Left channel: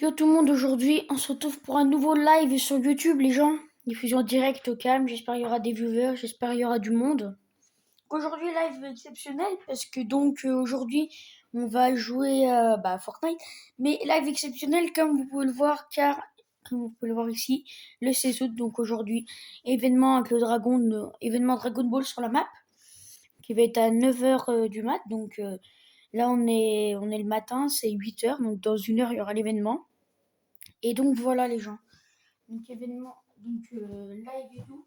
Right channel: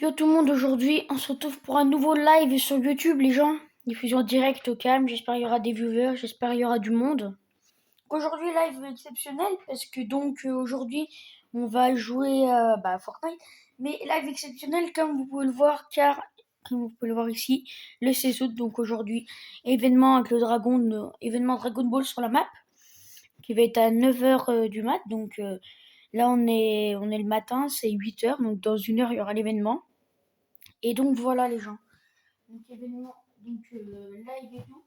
Yo tout le monde, aujourd'hui on se retrouve pour un nouveau live sur YouTube les gens. Diffusion directe au calme, j'espère qu'il y aura des viewers, j'espère qu'il y aura du monde. Aujourd'hui live exceptionnel parce que aujourd'hui on va jouer à Fortnite. Mais live exceptionnel comme vous pouvez le voir car, comme vous pouvez le voir ici, le 16 août, donc aujourd'hui, événement avec le événement Dragon Ball sur la map qui va être à 9h du mat. Donc là on est le matin, c'est 8h, donc dans une heure il y aura l'événement. Et donc voilà les gens. Donc événement, live et tout.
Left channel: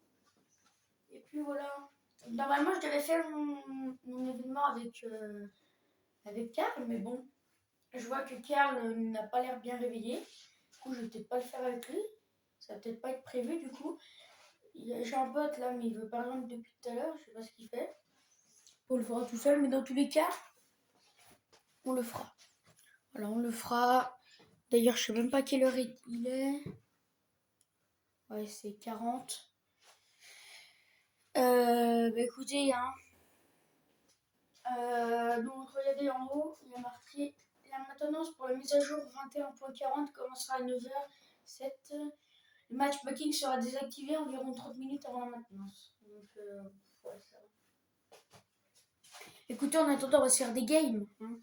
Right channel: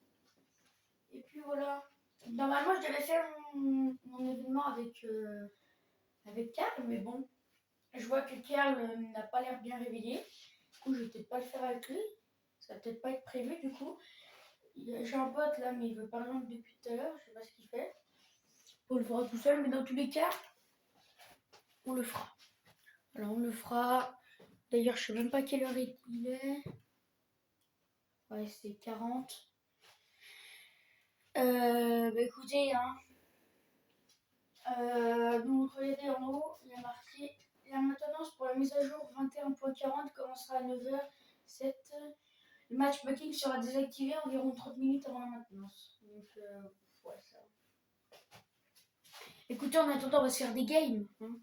Et puis voilà. Normalement je devais faire mon événement avec Karl, mais bon, je vois que Karl n'a pas l'air bien réveillé. Du coup je vais peut-être pas le faire avec lui. Ça va peut-être pas être prévu du coup. J'ai un pote là, mais il veut par exemple depuis tout à l'heure, je sais pas ce qu'il fait. Pour le faire tout seul, mais dans tous les cas, on le fera. Alors on le fera. D'ailleurs, je sais même pas quelle heure il est. Ouais, c'est 40. Écoutez, hein. Donc regardez en haut, il y a marqué la maintenance pour la mise à jour 21.40 commencera à 9h07. Le matchmaking sera désactivé environ 30 minutes avant la maintenance. Donc ouais, ça. Écoutez, en attendant, on va se faire des games. Hein.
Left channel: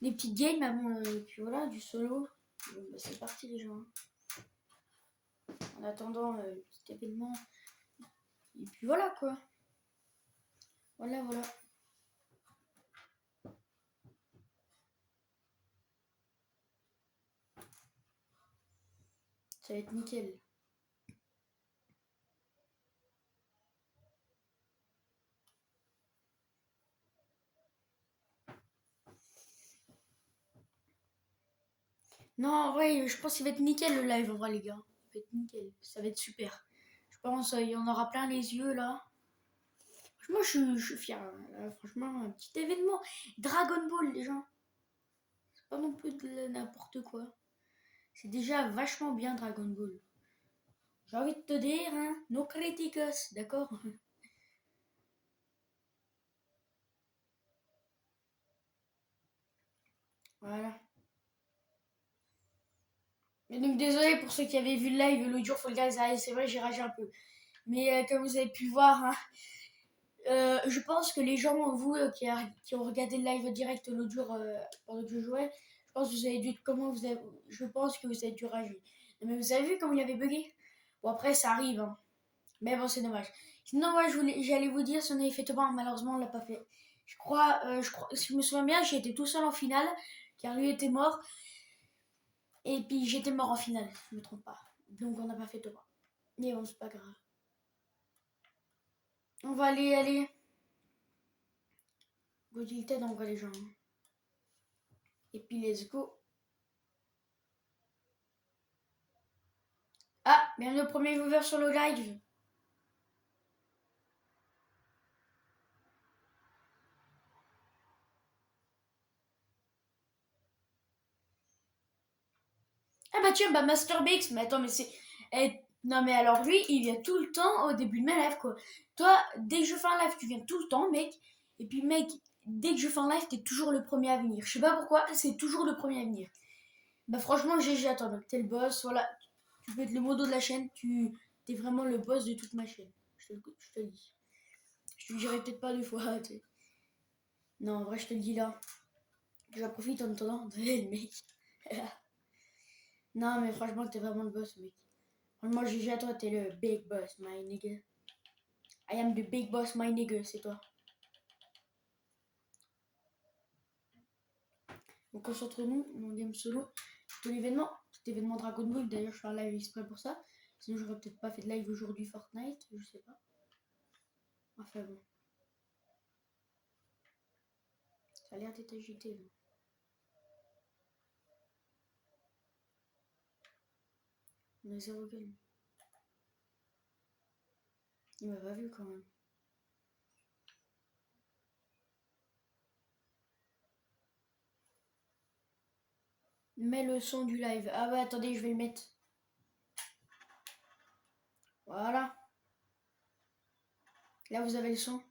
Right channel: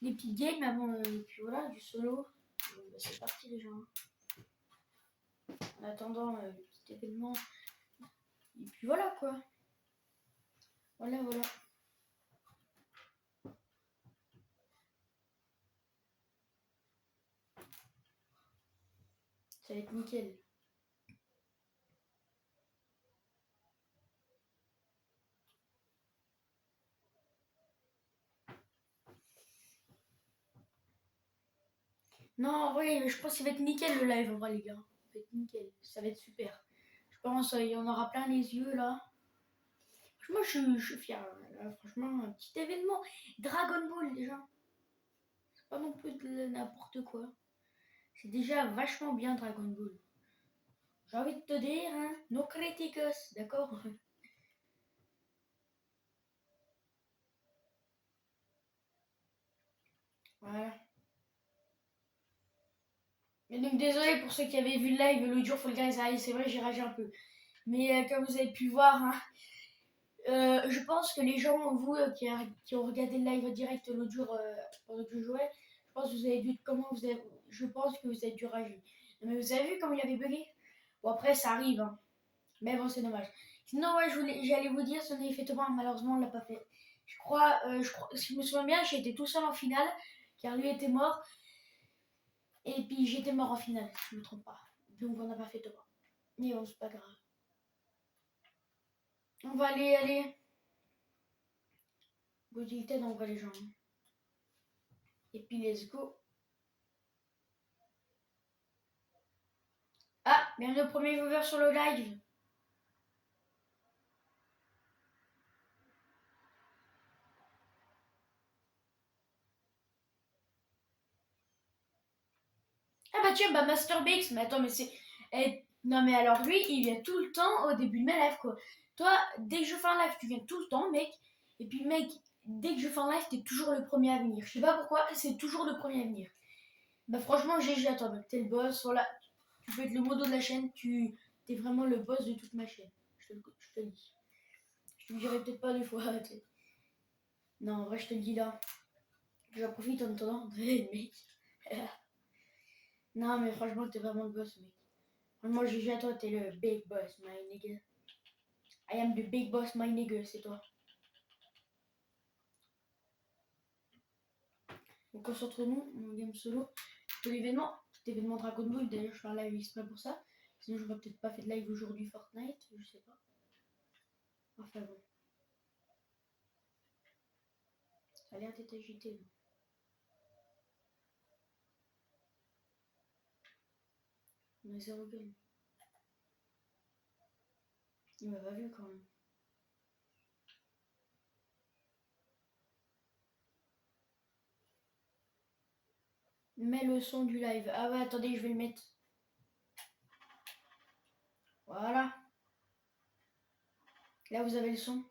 Des petites games avant, puis voilà, du solo. Donc, c'est parti les gens. En attendant petit événement. Et puis voilà quoi. Voilà. Ça va être nickel. Non, en vrai, je pense qu'il va être nickel le live en vrai les gars. Ça va être nickel. Ça va être super. Je pense qu'il y en aura plein les yeux là. Franchement, je suis fier. Là, franchement, un petit événement. Dragon Ball, les gens. C'est pas non plus de n'importe quoi. C'est déjà vachement bien Dragon Ball. J'ai envie de te dire, hein, no criticos, d'accord. Voilà. Et donc, désolé pour ceux qui avaient vu le live l'autre jour, Fall Guys. Ah, c'est vrai, j'ai ragé un peu. Mais comme vous avez pu voir, hein, je pense que les gens, vous qui ont regardé le live direct l'autre jour pendant que je jouais, je pense que vous avez dû je pense que vous avez dû rager. Mais vous avez vu comment il avait bugué. Bon après ça arrive, hein. Mais bon c'est dommage. Sinon moi j'allais vous dire si on avait fait top 1, malheureusement on l'a pas fait. Je crois, si je me souviens bien, j'étais tout seul en finale, car lui était mort, et puis j'étais mort en finale, si je me trompe pas. Donc on n'a pas fait top 1. Mais bon c'est pas grave. On va aller. Go tilted en vrai les gens. Et puis let's go. Ah, bienvenue au premier viewer sur le live. Ah bah tiens, bah Master Bix, mais attends, mais c'est... non mais alors lui, il vient tout le temps au début de mes lives, quoi. Toi, dès que je fais un live, tu viens tout le temps, mec. Et puis mec, dès que je fais un live, t'es toujours le premier à venir. Je sais pas pourquoi, c'est toujours le premier à venir. Bah franchement, GG à toi, mec. T'es le boss, voilà. Tu peux être le modo de la chaîne, t'es vraiment le boss de toute ma chaîne. Je te le dis. Je te le dirai peut-être pas deux fois, t'sais. Non, en vrai, je te le dis là. J'en profite en attendant. Mec. Non, mais franchement, t'es vraiment le boss, mec. Moi, GG à toi, t'es le big boss, my nigga. I am the big boss, my nigga, c'est toi. Donc, concentrons-nous, mon game solo. Pour l'événement, cet événement Dragon Ball, d'ailleurs, je fais un live exprès pour ça. Sinon, j'aurais peut-être pas fait de live aujourd'hui Fortnite, je sais pas. Enfin bon. Ça a l'air d'être agité, là. On a zéro game. Il m'a pas vu quand même. Mets le son du live. Ah ouais, attendez, je vais le mettre. Voilà. Là, vous avez le son.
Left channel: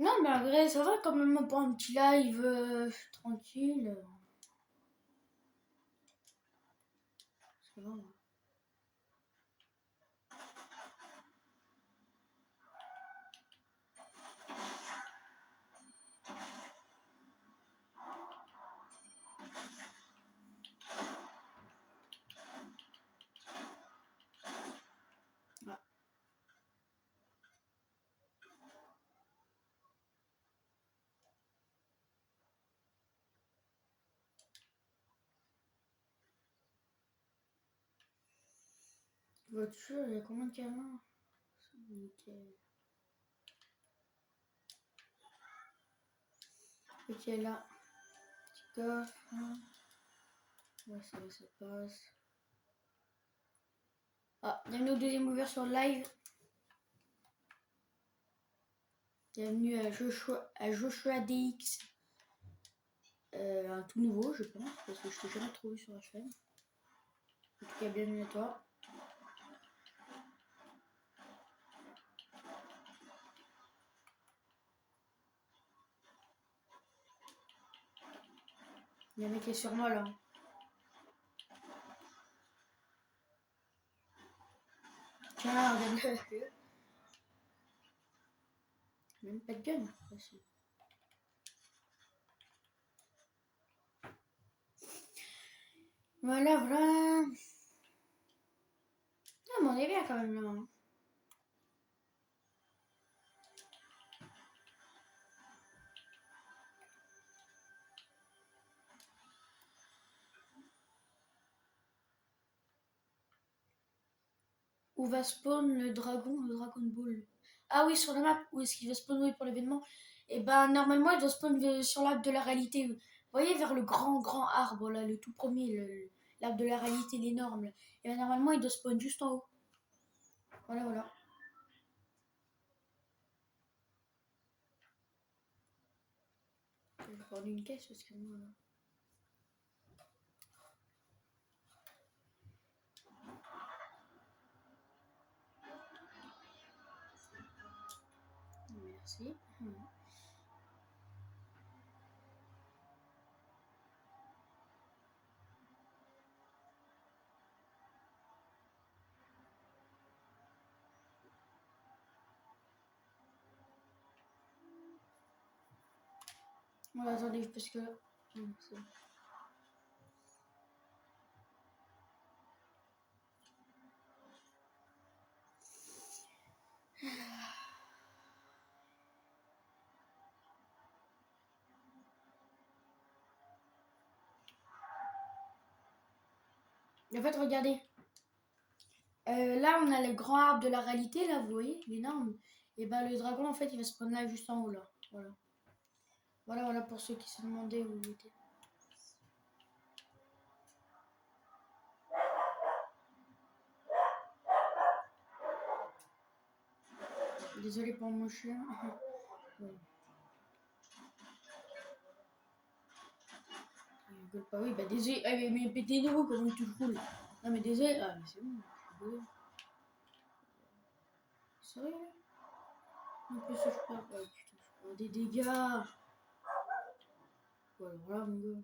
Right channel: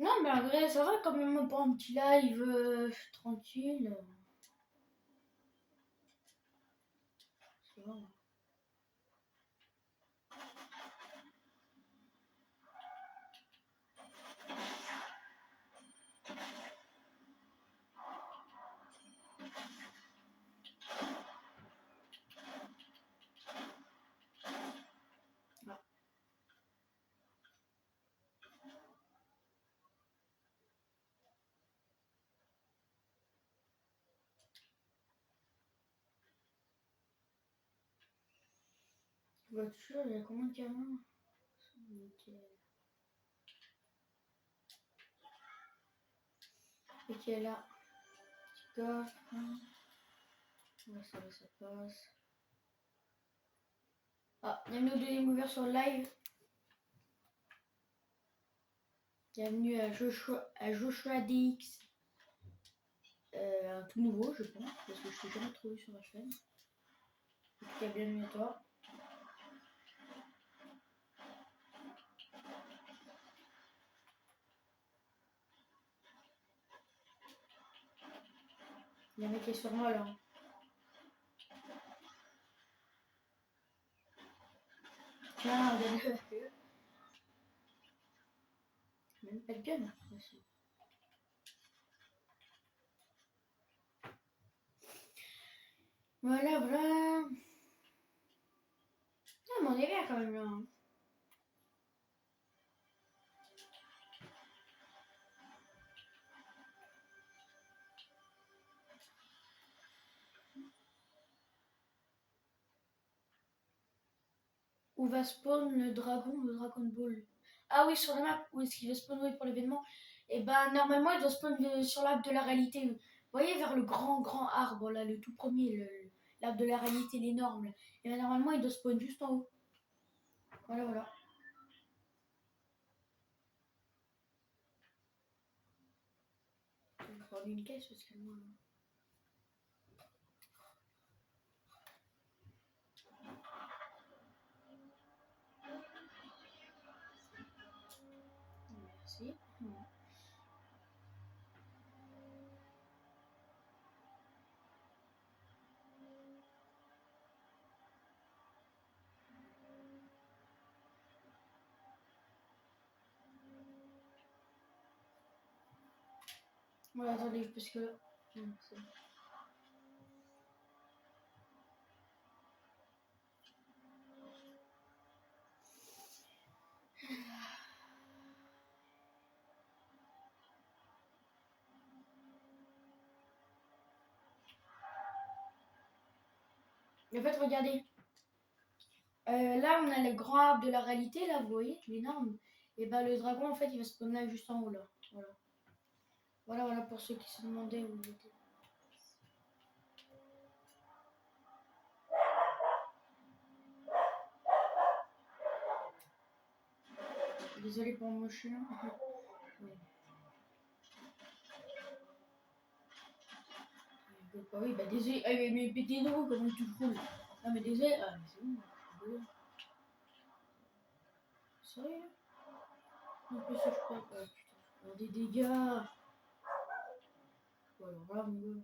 Non, mais en vrai, ça va quand même pour un petit live tranquille. Ça va. Voiture, il y a combien de canons? Nickel. Ok, là. Petit coffre. Ouais, ça va, ça passe. Ah, bienvenue au deuxième ouvert sur le live. Bienvenue à Joshua DX. Un tout nouveau, je pense, parce que je t'ai jamais trouvé sur la chaîne. En tout cas, bienvenue à toi. Il y a un mec qui est sur moi là. Tiens, regarde. Même pas de gun. Aussi. Voilà, voilà. Ah, mais on est bien quand même là. Où va spawn le Dragon Ball? Ah oui, sur la map, où est-ce qu'il va spawn oui, pour l'événement? Et ben normalement il doit spawn sur l'arbre de la réalité. Vous voyez vers le grand arbre là, le tout premier, l'arbre de la réalité, l'énorme. Et ben normalement il doit spawn juste en haut. Voilà, voilà. Je vais prendre une caisse parce que moi. Merci. Ouais, attendez, parce que. C'est bon. En fait, regardez. Là, on a le grand arbre de la réalité, là, vous voyez, l'énorme. Et ben le dragon, en fait, il va spawn là, juste en haut, là. Voilà. Voilà, voilà, pour ceux qui se demandaient où il était. Désolé pour mon chien. Ouais. Il rigole pas, oui, bah désolé. Ah, mais pétez-nous, comment tu roules. Non, mais désolé. Ah, mais c'est bon, je rigole. Sérieux? En plus, je crois. Ouais, putain, je prends des dégâts. Ouais, alors là, mon gars.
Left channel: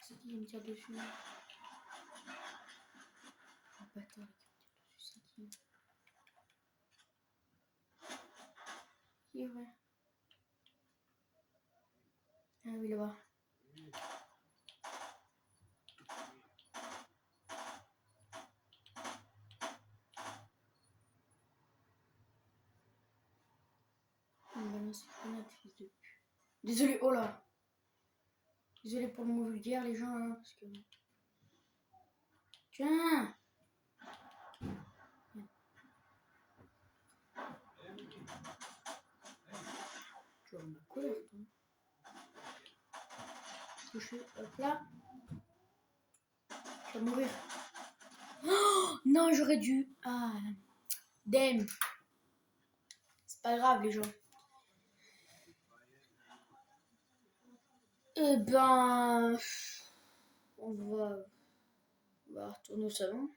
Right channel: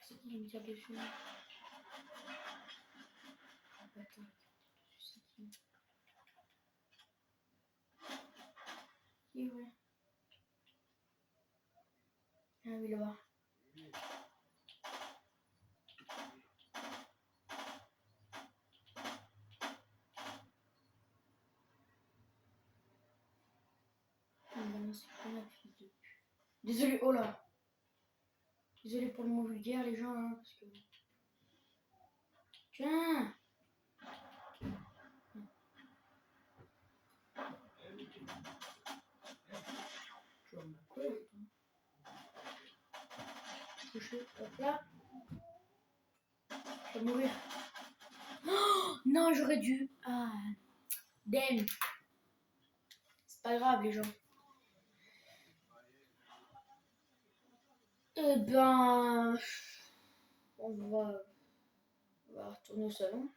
C'est qui me tire dessus? Oh, bâtard, c'est qui? Qui, ouais? Ah oui, là-bas. Il me balance une grenade, fils de pute. Désolé, oh là. Désolé pour le mot vulgaire, les gens, hein, parce que. Tiens! Tu vas me courir, toi. Touché, hop là. Je vais mourir. Oh, non, j'aurais dû. Ah, damn. C'est pas grave, les gens. Eh ben. On va. va retourner au salon.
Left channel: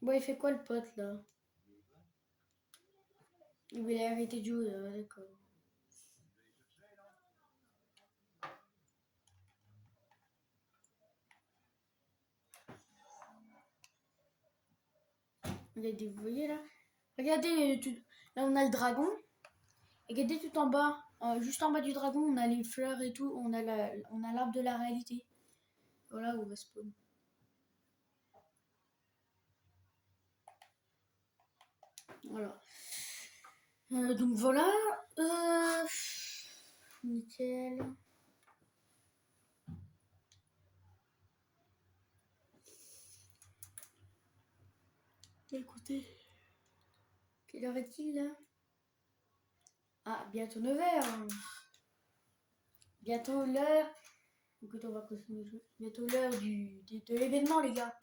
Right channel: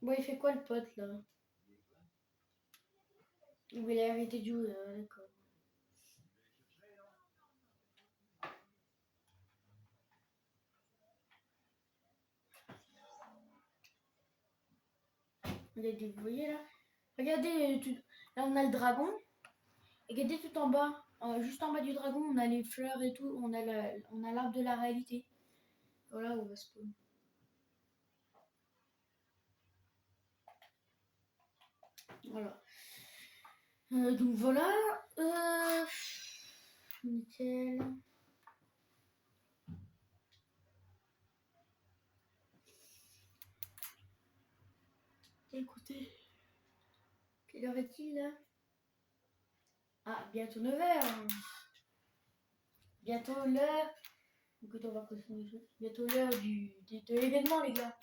Bon, il fait quoi le pote là? Il voulait arrêter de jouer, d'accord. Regardez, vous voyez là? Regardez, là on a le dragon. Regardez tout en bas, juste en bas du dragon, on a les fleurs et tout, on a l'arbre de la réalité. Voilà où on va spawn. Voilà. Donc voilà. Nickel. Écoutez. Quelle heure est-il là? Ah, bientôt 9h. Bientôt l'heure. Écoutez, on va continuer le jeu. Bientôt l'heure de l'événement, les gars.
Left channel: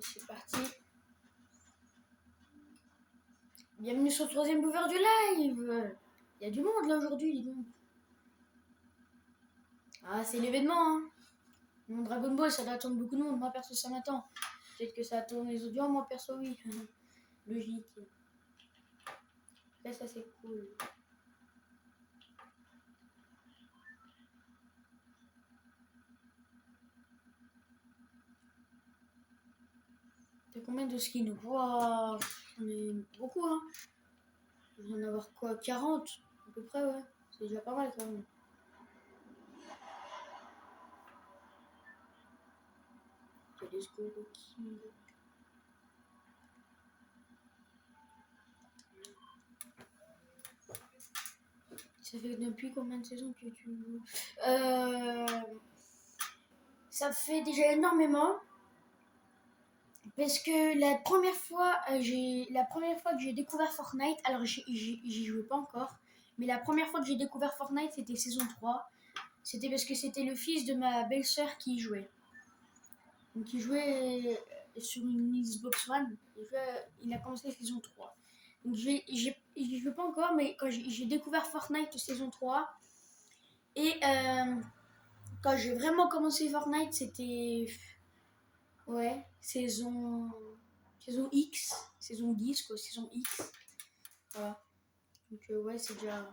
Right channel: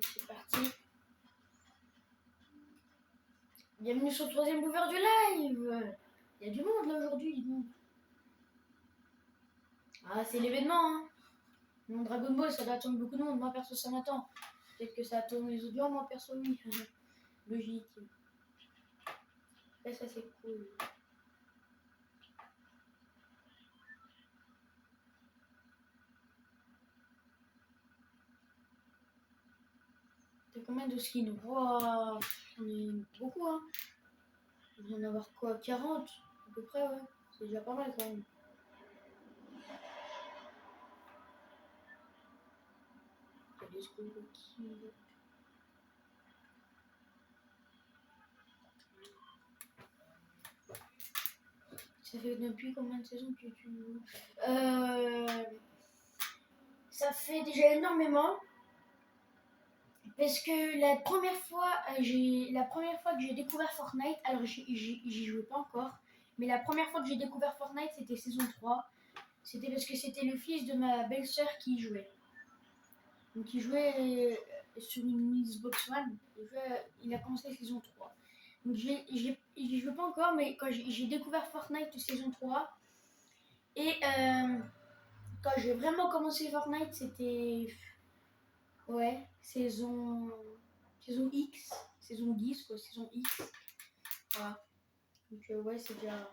C'est parti. Bienvenue sur le 3e mover du live. Il y a du monde là aujourd'hui, dis donc. Ah, c'est l'événement, hein. Mon Dragon Ball, ça doit attendre beaucoup de monde. Moi, perso, ça m'attend. Peut-être que ça attend les audiences, moi, perso, oui. Logique. Là, ça, c'est cool. T'as combien de skins? Waouh, j'en ai beaucoup, hein. Je vais en avoir quoi? 40 à peu près, ouais. C'est déjà pas mal quand même. Let's go, King. Ça fait depuis combien de saisons que tu joues? Ça fait déjà énormément. Parce que la première fois que j'ai découvert Fortnite, alors j'y jouais pas encore, mais la première fois que j'ai découvert Fortnite, c'était saison 3. C'était parce que c'était le fils de ma belle-sœur qui y jouait. Donc il jouait sur une Xbox One. Il a commencé saison 3. Donc j'y jouais pas encore, mais quand j'ai découvert Fortnite saison 3, et quand j'ai vraiment commencé Fortnite, c'était... Ouais, saison X, saison 10, quoi, saison X. Voilà. Donc, ouais, c'est déjà.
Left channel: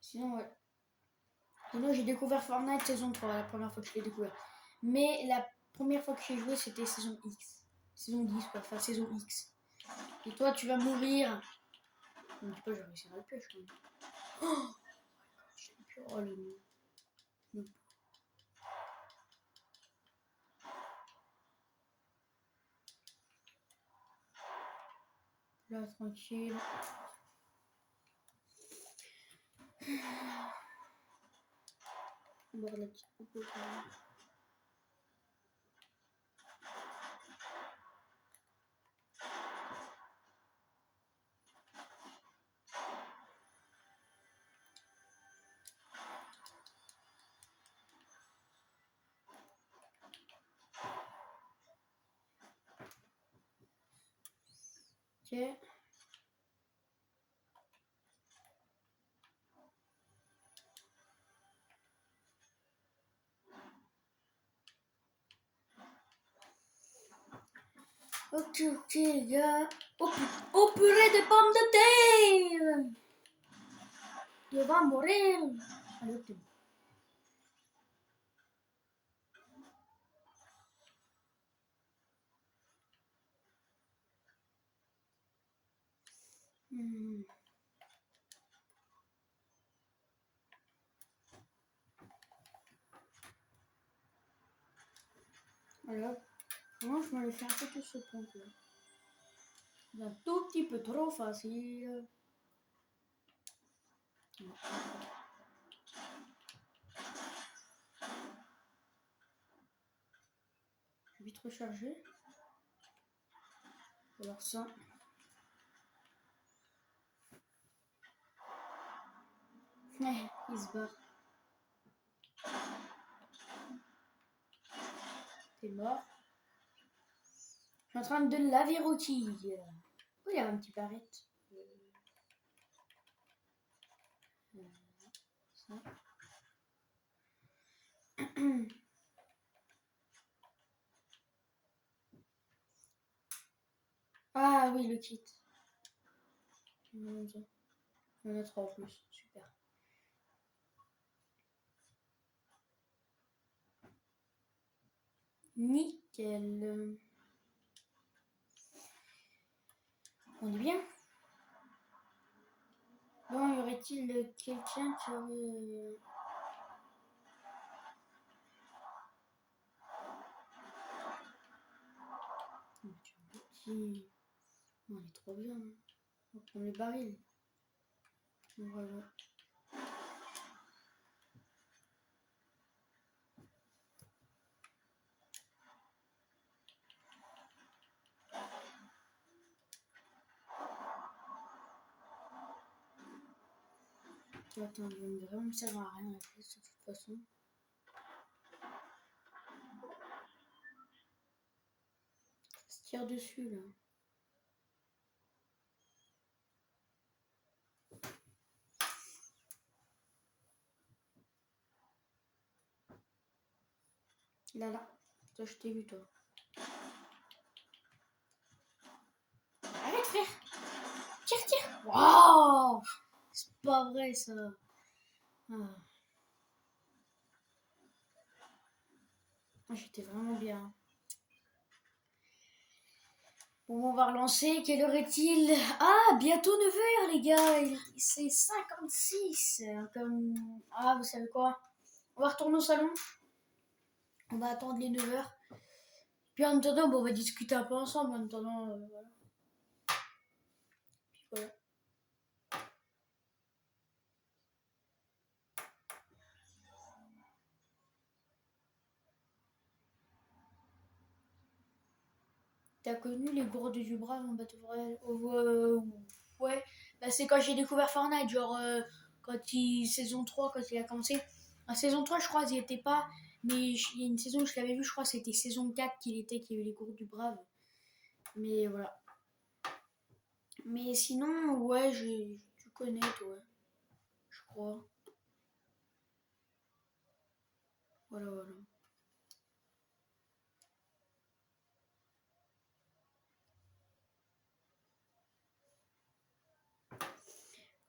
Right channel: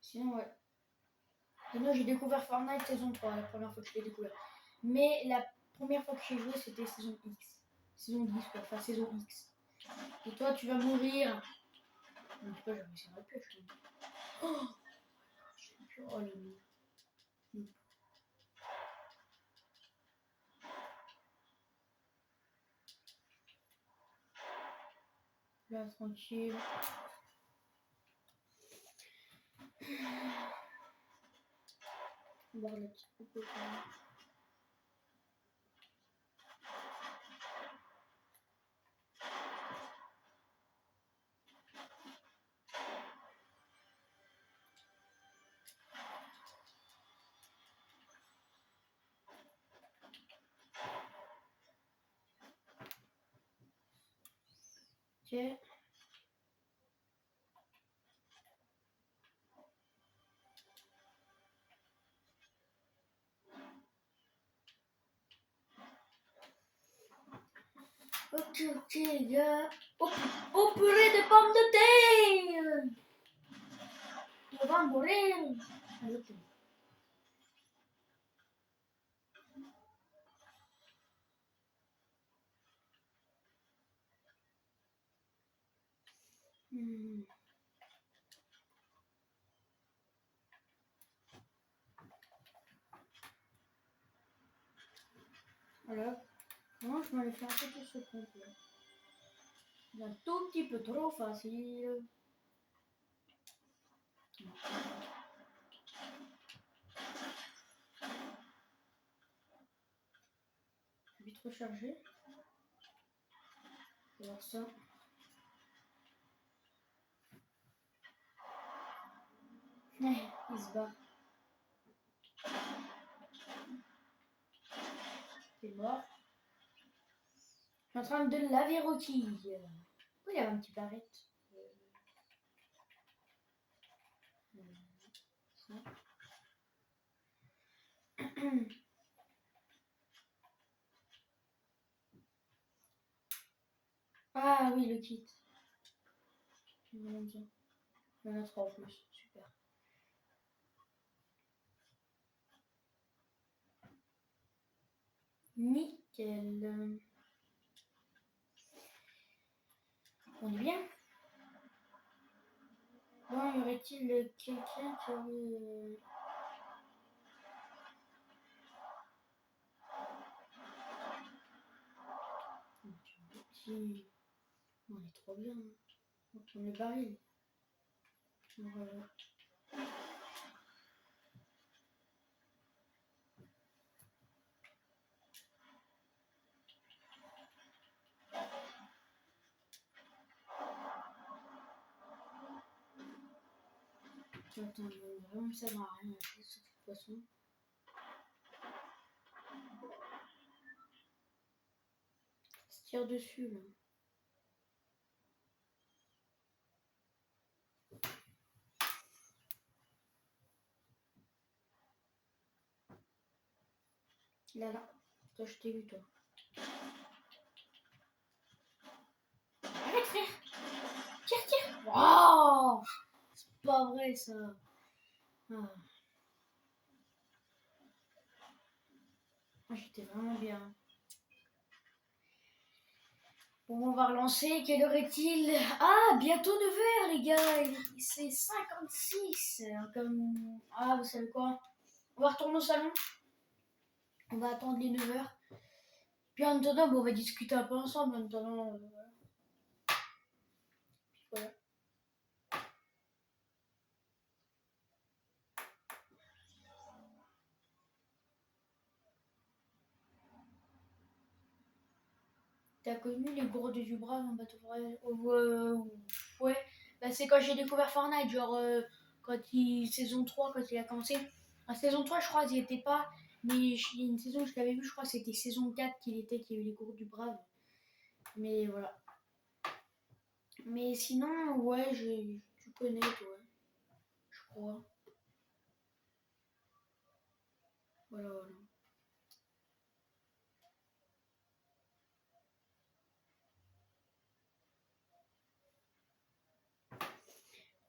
Sinon, ouais. Sinon, j'ai découvert Fortnite saison 3, la première fois que je l'ai découvert. Mais la première fois que j'ai joué, c'était saison X. Saison 10, quoi, enfin saison X. Et toi, tu vas mourir. Non, je sais pas, j'ai réussi à la pêche. Oh, oh le. Là, tranquille. Boire la petite coupe. Ok. Ok, les gars. Oh, purée de pommes de terre! On va mourir! Allez, ok. je m'en ai fait un peu tout ce compte là. C'est un tout petit peu trop facile. Je vais vite recharger. Alors ça. Il se barre. T'es mort. Je suis en train de laver Rocky. Oh, il y a un petit barrette. Ah oui, le kit. Il y en a 3 en plus. Super. Nickel. On est bien. Bon, y aurait-il quelqu'un qui aurait... Si. On est trop bien. On va prendre les barils. Voilà. Attends, il va vraiment me servir à rien la pièce de toute façon. Ça se tire dessus là. Là. Toi, je t'ai vu, toi. Arrête, frère. Tire. Waouh. C'est pas vrai, ça. Ah. J'étais vraiment bien. Bon, on va relancer. Quelle heure est-il? Ah, bientôt 9h, les gars. C'est 56. Comme... Ah, vous savez quoi? On va retourner au salon. On va attendre les 9h. Puis en attendant, bon, on va discuter un peu ensemble. En attendant, voilà. Puis voilà. T'as connu les gourdes du Brave en Battle Royale? Ouais, bah, c'est quand j'ai découvert Fortnite, genre saison 3, quand il a commencé. En saison 3, je crois, ils y étaient pas, mais il y a une saison où je l'avais vu, je crois, c'était saison 4 qu'il y avait les gourdes du Brave. Mais voilà. Mais sinon, ouais, tu connais, toi, je crois. Voilà.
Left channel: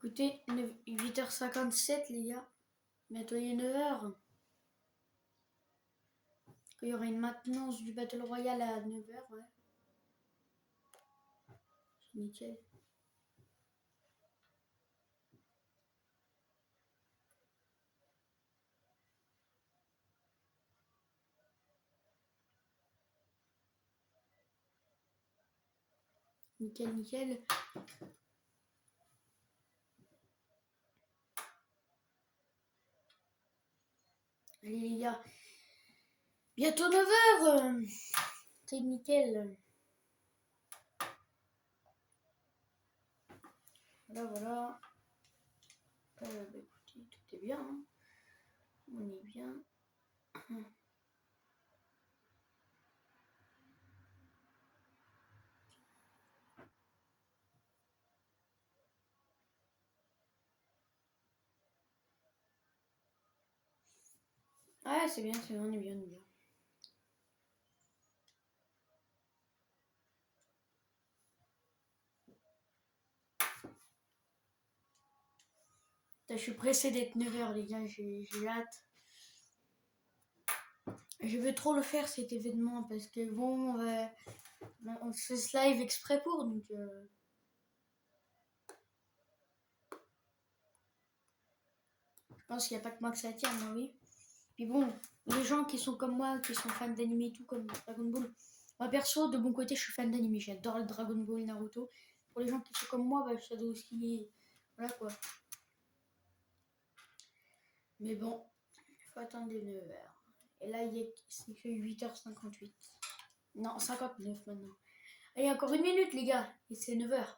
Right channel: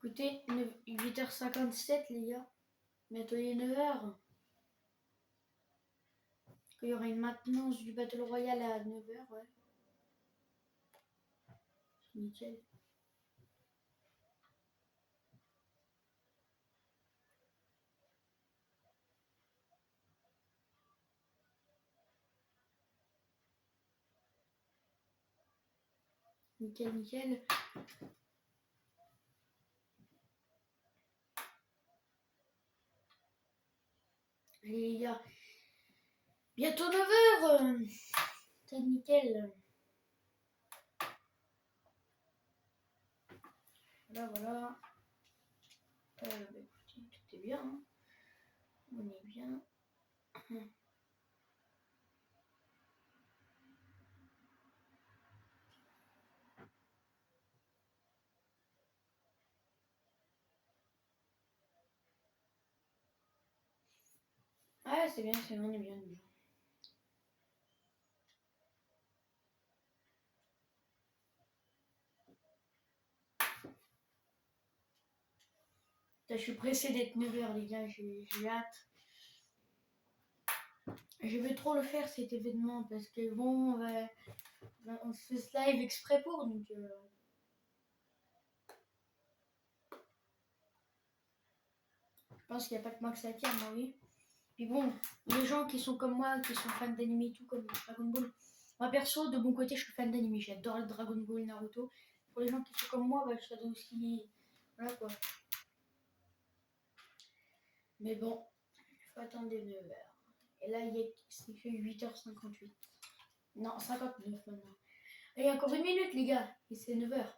Écoutez, 8h57, les gars. Bientôt il est 9h. Il y aura une maintenance du Battle Royale à 9h, ouais. Nickel. Nickel. Allez les gars, bientôt 9h. C'est nickel. Voilà. Bah, écoutez, tout est bien. Hein. On est bien. Ouais, c'est bien, on est bien. Je suis pressé d'être 9h les gars, j'ai hâte. Je veux trop le faire cet événement parce que bon, on fait ce live exprès pour, donc... Je pense qu'il n'y a pas que moi que ça attire, moi oui. Puis bon, les gens qui sont comme moi, qui sont fans d'anime et tout, comme Dragon Ball, Moi perso, de mon côté, je suis fan d'anime. J'adore le Dragon Ball, Naruto. Pour les gens qui sont comme moi, bah, je sais aussi. Voilà quoi. Mais bon, il faut attendre 9h. Et là, c'est que 8h58. Non, 59 maintenant. Allez, encore une minute, les gars. Et c'est 9h.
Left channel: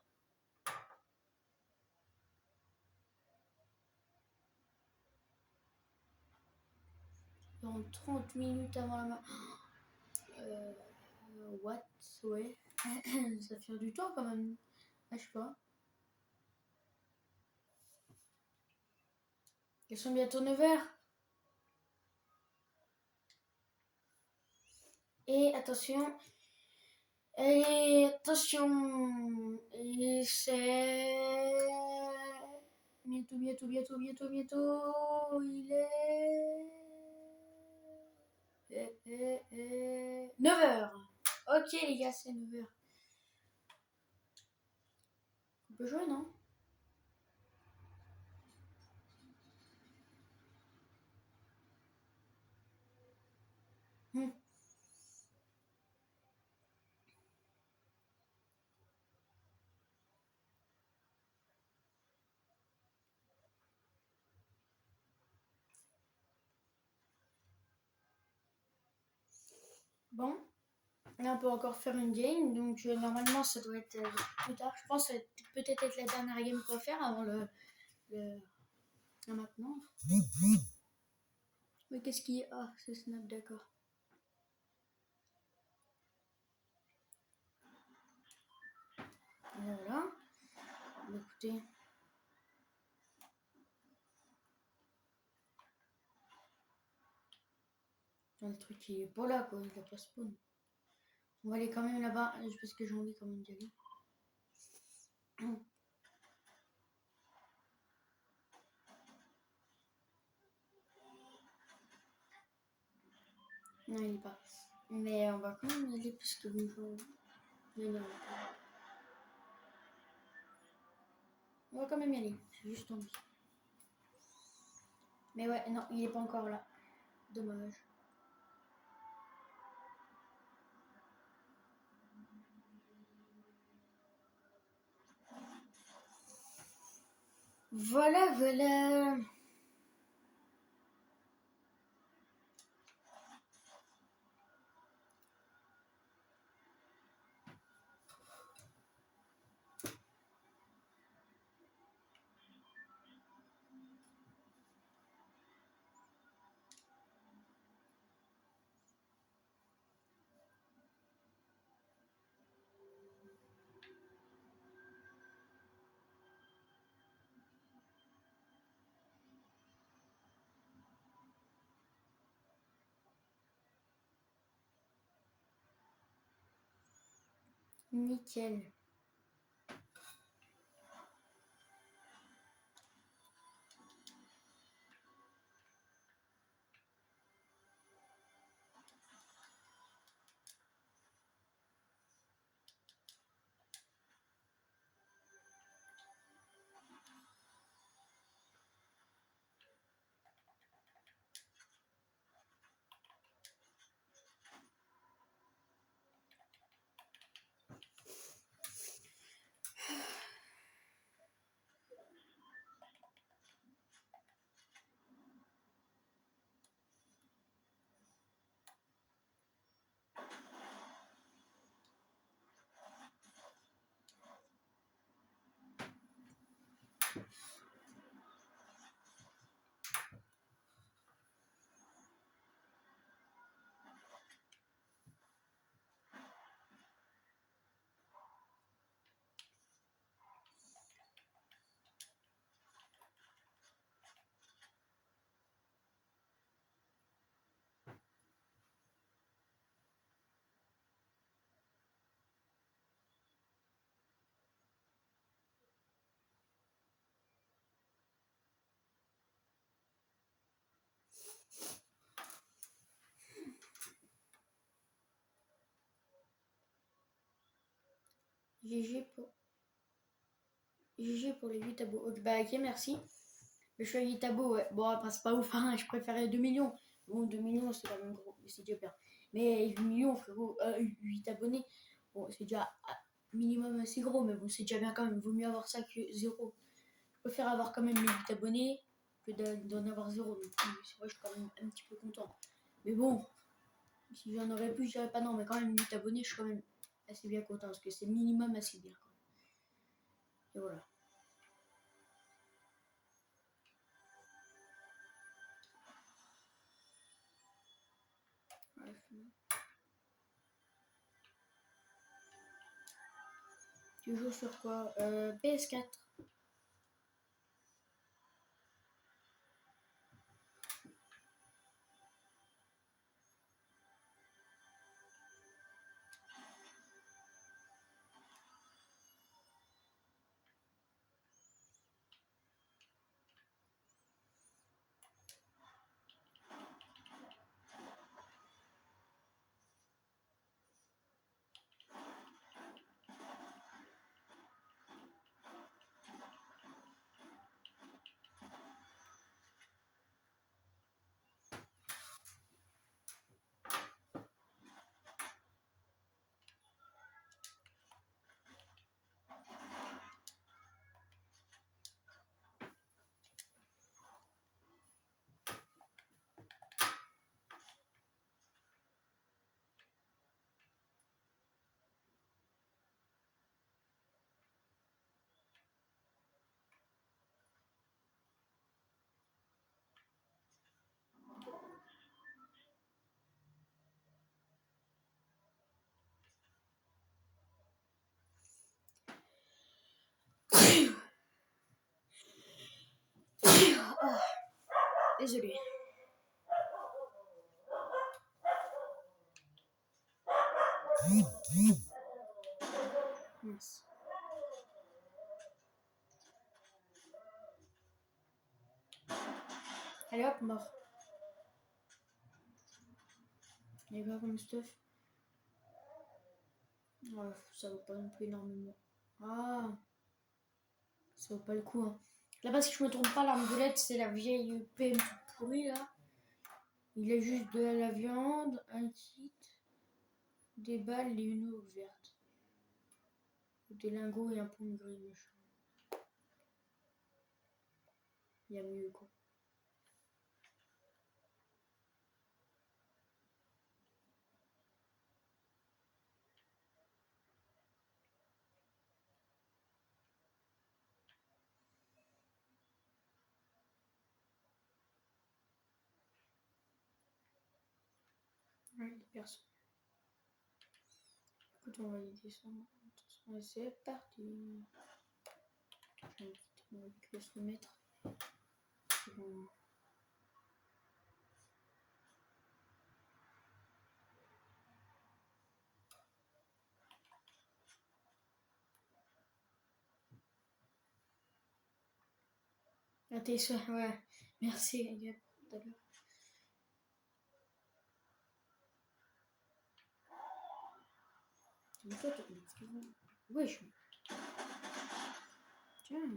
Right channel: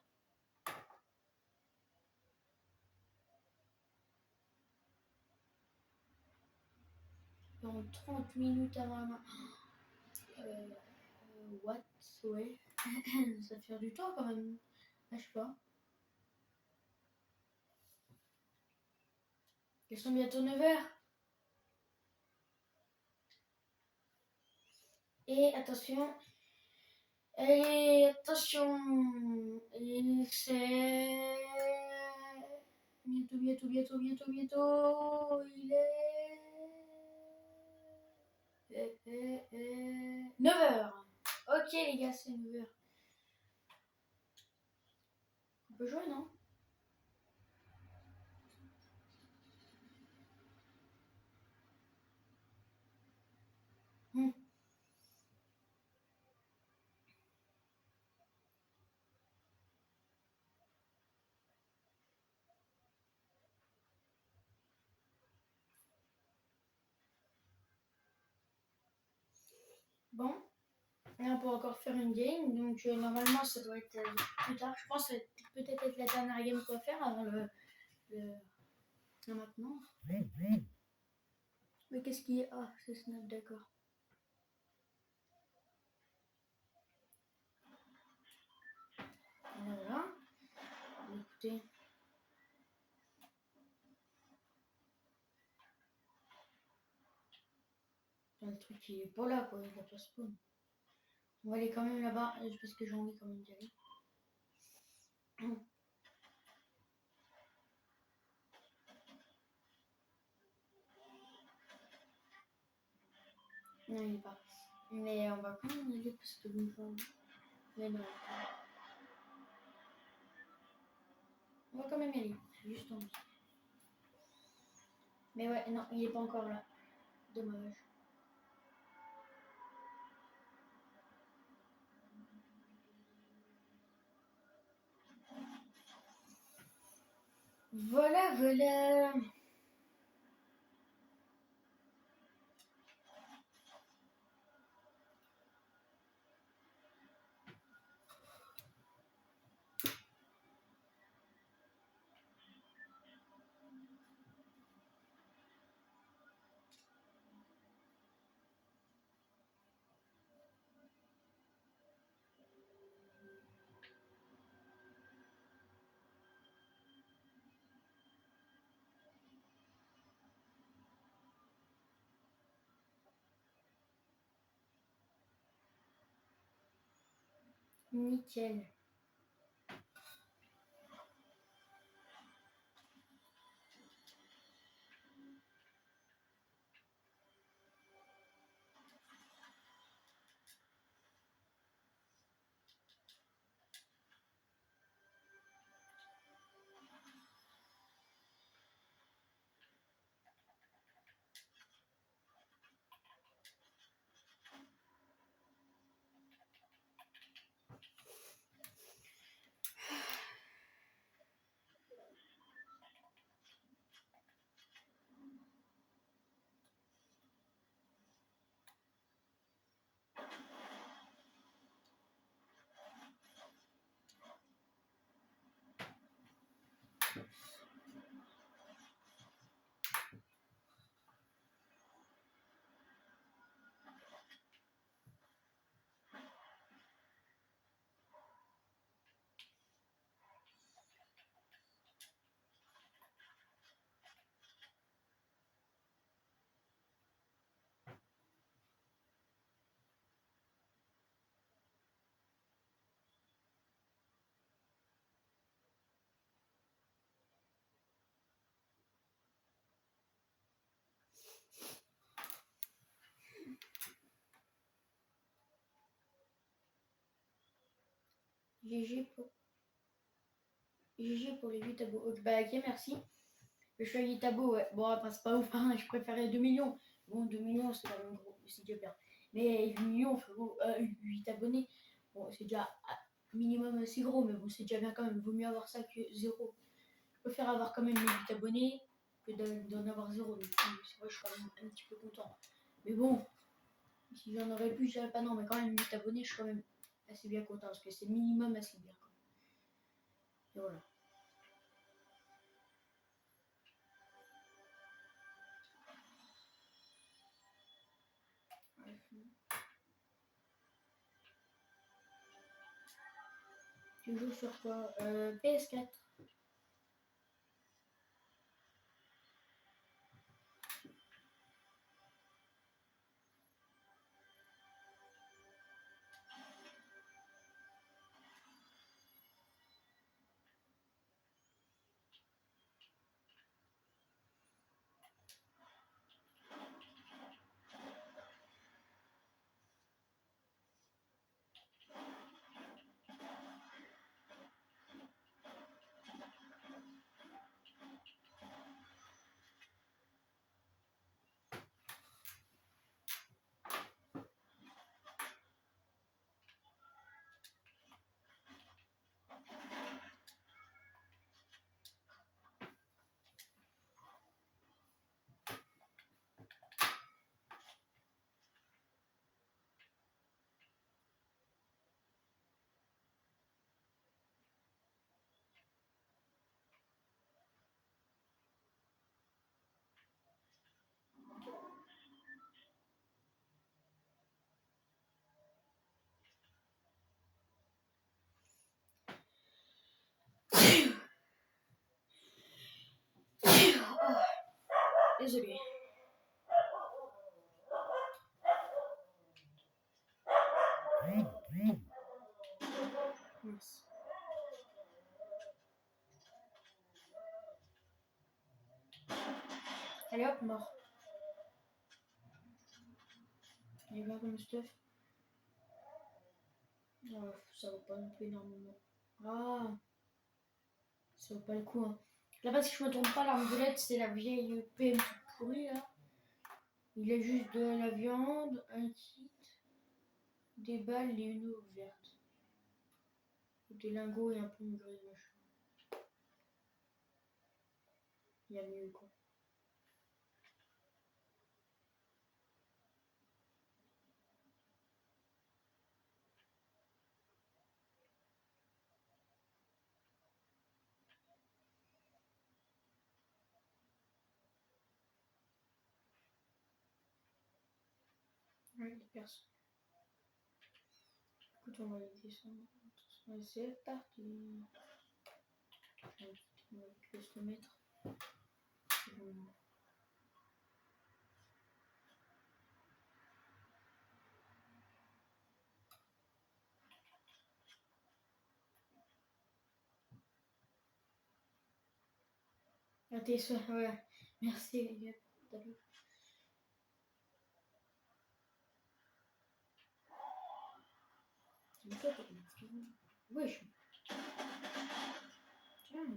Dans 30 minutes avant la... what? Ouais. Ça fait du temps quand même. Ah, je sais pas. Ils sont bientôt 9h. Et attention. Et attention. Et c'est... Bientôt, bientôt, bientôt, bientôt, bientôt. Il est... 9h. Ok les gars, c'est 9h. On peut jouer, non? Bon, là on peut encore faire une game, donc normalement ça doit être plus tard. Je pense que ça va peut-être être la dernière game qu'on va faire avant le maintenant. Mais qu'est-ce qui est... Ah, c'est Snap, d'accord. Voilà. Écoutez. Le truc il est pas là quoi, il a pas spawn. On va aller quand même là-bas, parce que j'ai envie quand même d'y aller. Non, il est pas. Mais on va quand même y aller parce que nous jouons. Mais non. On va quand même y aller. C'est juste envie. Mais ouais, non, il est pas encore là. Dommage. Voilà, voilà. Nickel. GG pour les 8 abos. Ok, bah ok, merci. Le choix 8 abos, ouais. Bon, après, c'est pas ouf, hein. Je préférais 2 millions. Bon, 2 millions, c'est quand même gros. C'est déjà bien. Mais 8 millions, frérot, 8 abonnés, bon, c'est déjà minimum assez gros, mais bon, c'est déjà bien quand même. Vaut mieux avoir ça que zéro. Je préfère avoir quand même les 8 abonnés que d'en avoir zéro. Donc, c'est vrai, je suis quand même un petit peu content. Mais bon, si j'en aurais plus, je dirais pas non, mais quand même 8 abonnés, je suis quand même assez bien content parce que c'est minimum assez bien. Et voilà. Tu joues sur quoi PS4. Oh, désolé. Yes. Allez hop, mort. Il est pas comme stuff. Ouais, ça vaut pas non plus énormément. Ah, ça vaut pas le coup. Hein. Là, parce que je me trompe pas, l'arbalète, c'est la vieille PM toute pourrie là. Il a juste de la viande, un kit, des balles et une eau verte. Des lingots et un pomme gris, machin. Il y a mieux quoi. Ouais, les personnes. Écoute, on va y descendre. Attention, c'est parti. On va se le mettre. Bon. Ah, t'es sûr, ouais. Merci, les gars. D'accord. En fait, wesh. Tiens,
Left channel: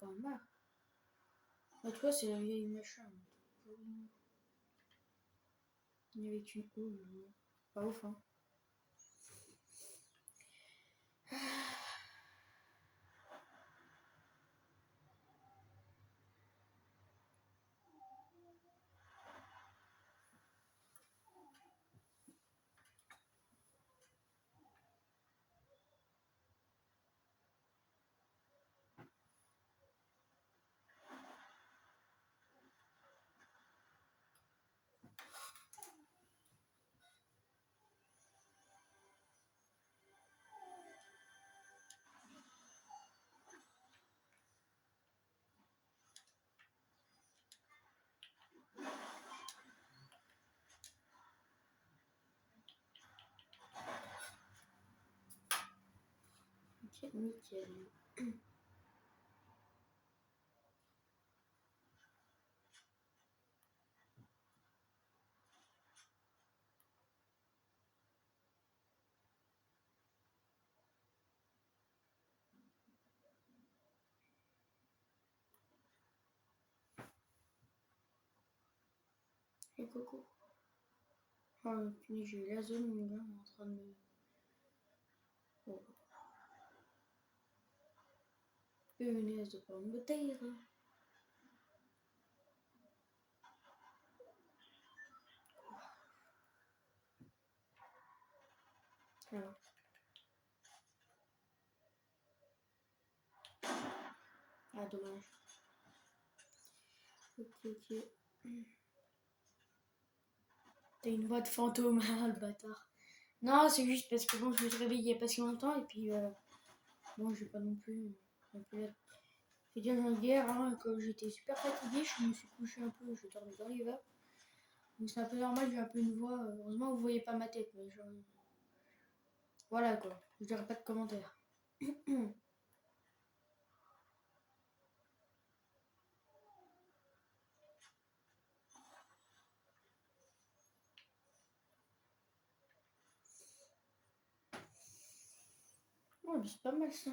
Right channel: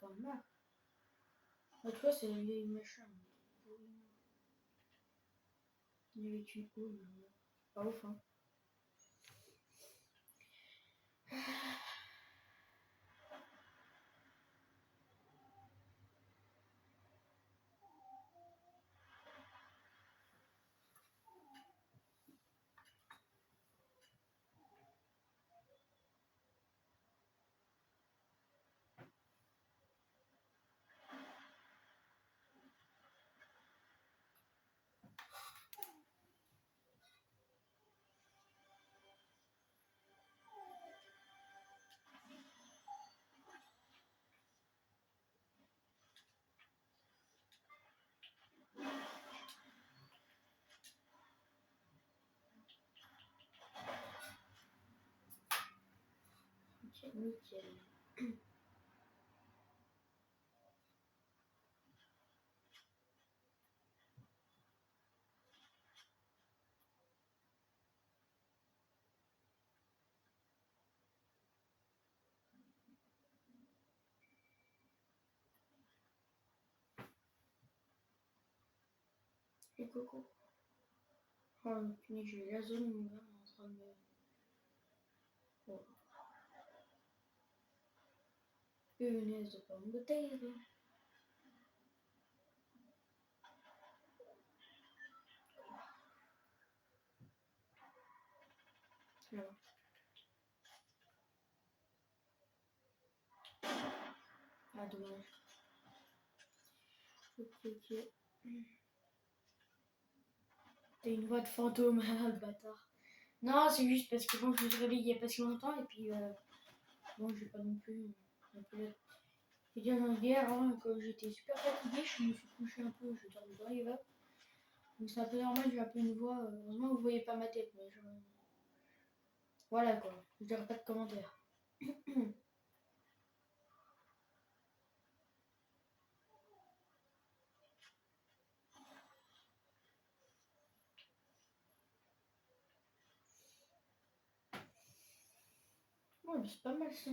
pas mal. L'autre fois, c'est la vieille machin. Avec une eau, pas ouf, hein. Ok, nickel. Et coco. Oh, punaise, j'ai la zone, mon gars, en train de me... Oh. Punaise de pomme de terre. Alors. Ah, dommage. Ok. T'as une voix de fantôme, le bâtard. Non, c'est juste parce que bon, je me suis réveillée il y a pas si longtemps et puis bon, j'ai pas non plus être. J'ai dit hier, hein, quand j'étais super fatiguée, je me suis couché un peu, je dormais dans les vapes. Donc c'est un peu normal, j'ai un peu une voix. Heureusement, vous voyez pas ma tête, mais genre. Voilà quoi, je dirais pas de commentaires. Ouais, mais c'est pas mal ça.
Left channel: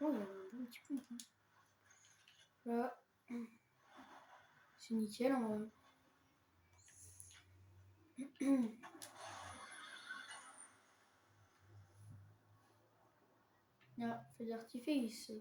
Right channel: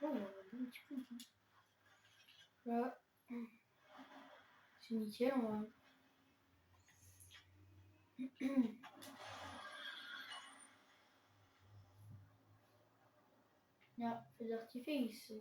Oh, il y a un bon petit coup. Là, c'est nickel en vrai. Ah, feu d'artifice.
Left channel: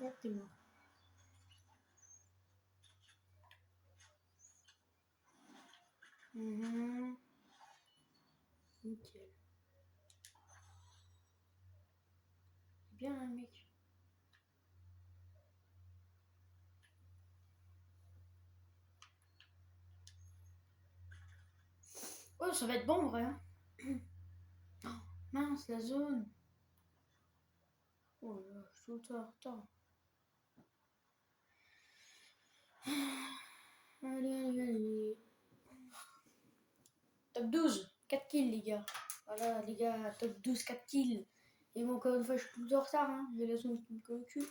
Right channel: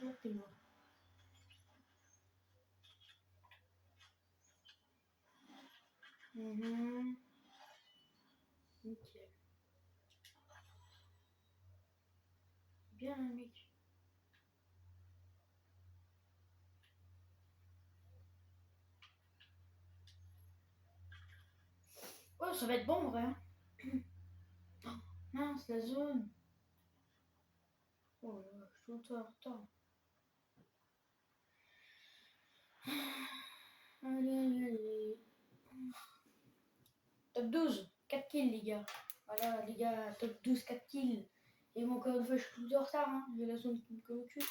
Exactement. Nickel. Bien le mec. Oh, ça va être bon en vrai. Hein. Oh, mince, la zone. Oh là là, je suis tout en retard. Allez. Top 12, 4 kills les gars. Voilà les gars, top 12, 4 kills. Et bon, encore une fois, je suis tout en retard. Hein. J'ai la zone qui me colle au cul.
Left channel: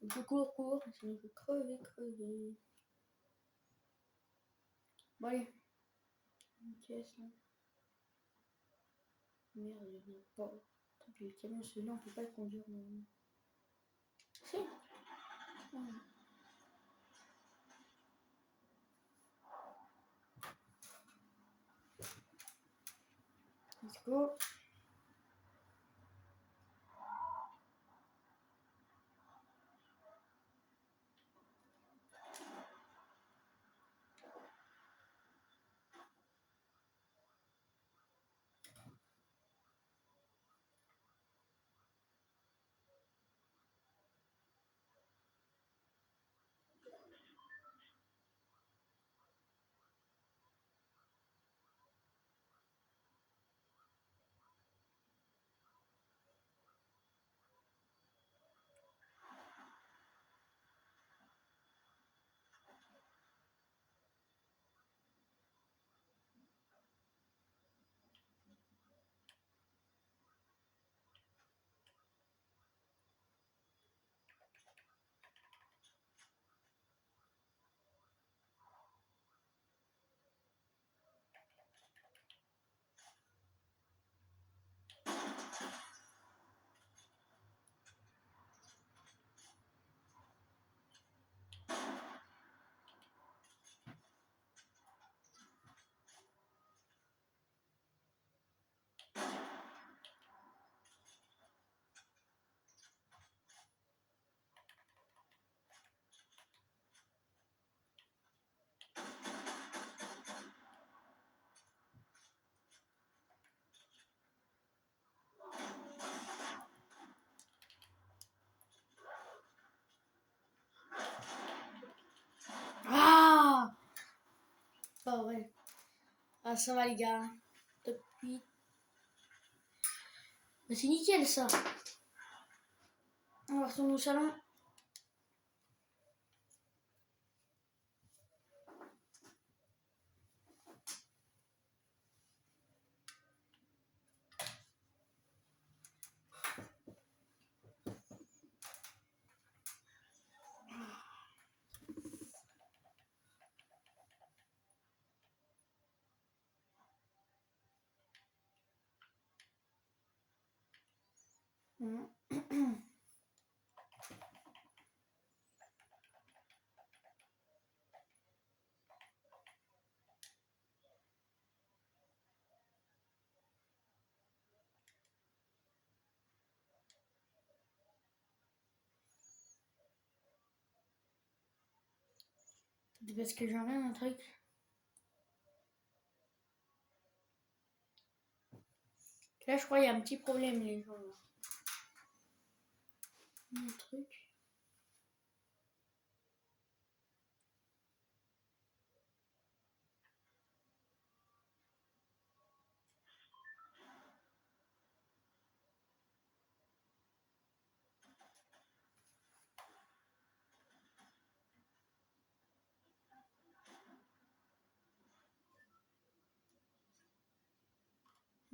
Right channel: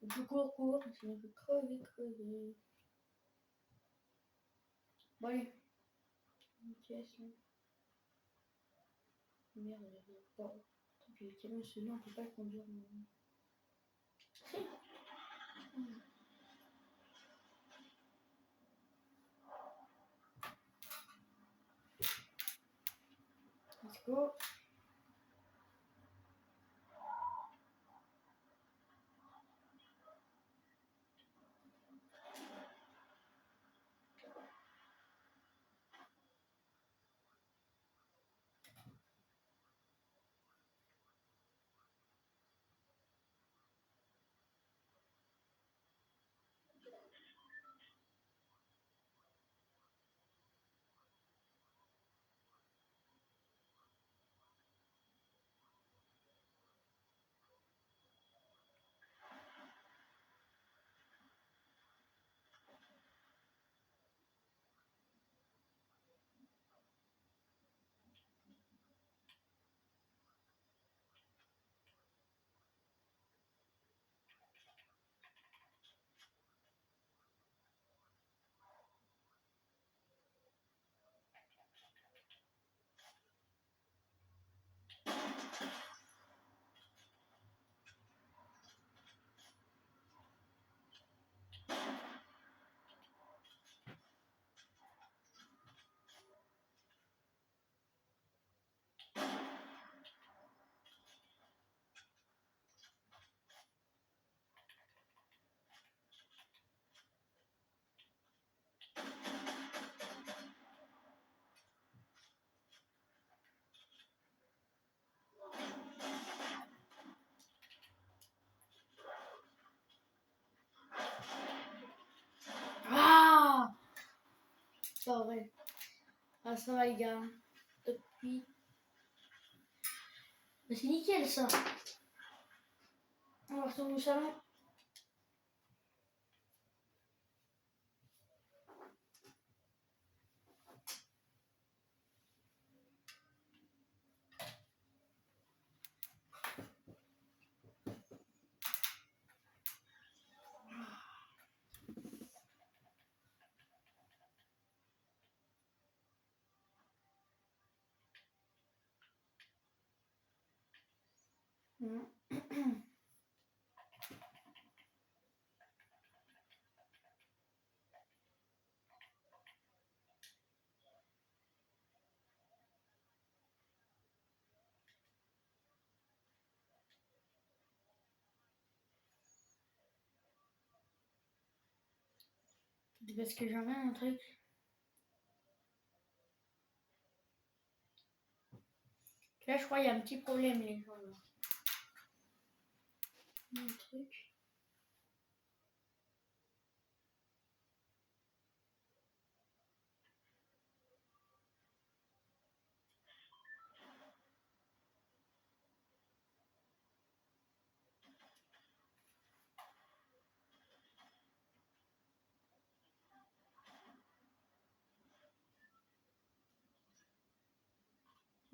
Donc je cours. Sinon je vais crever. Bon allez. Ok, c'est bon. Merde, bon. Tant pis, le camion celui-là, on peut pas le conduire maintenant. Si. Let's go. Ah, ça va les gars. Top 8. Mais c'est nickel ça. On va retourner au salon. C'est parce que j'en ai un truc. Là, je crois qu'il y a un petit problème, les gens. Là. Un truc.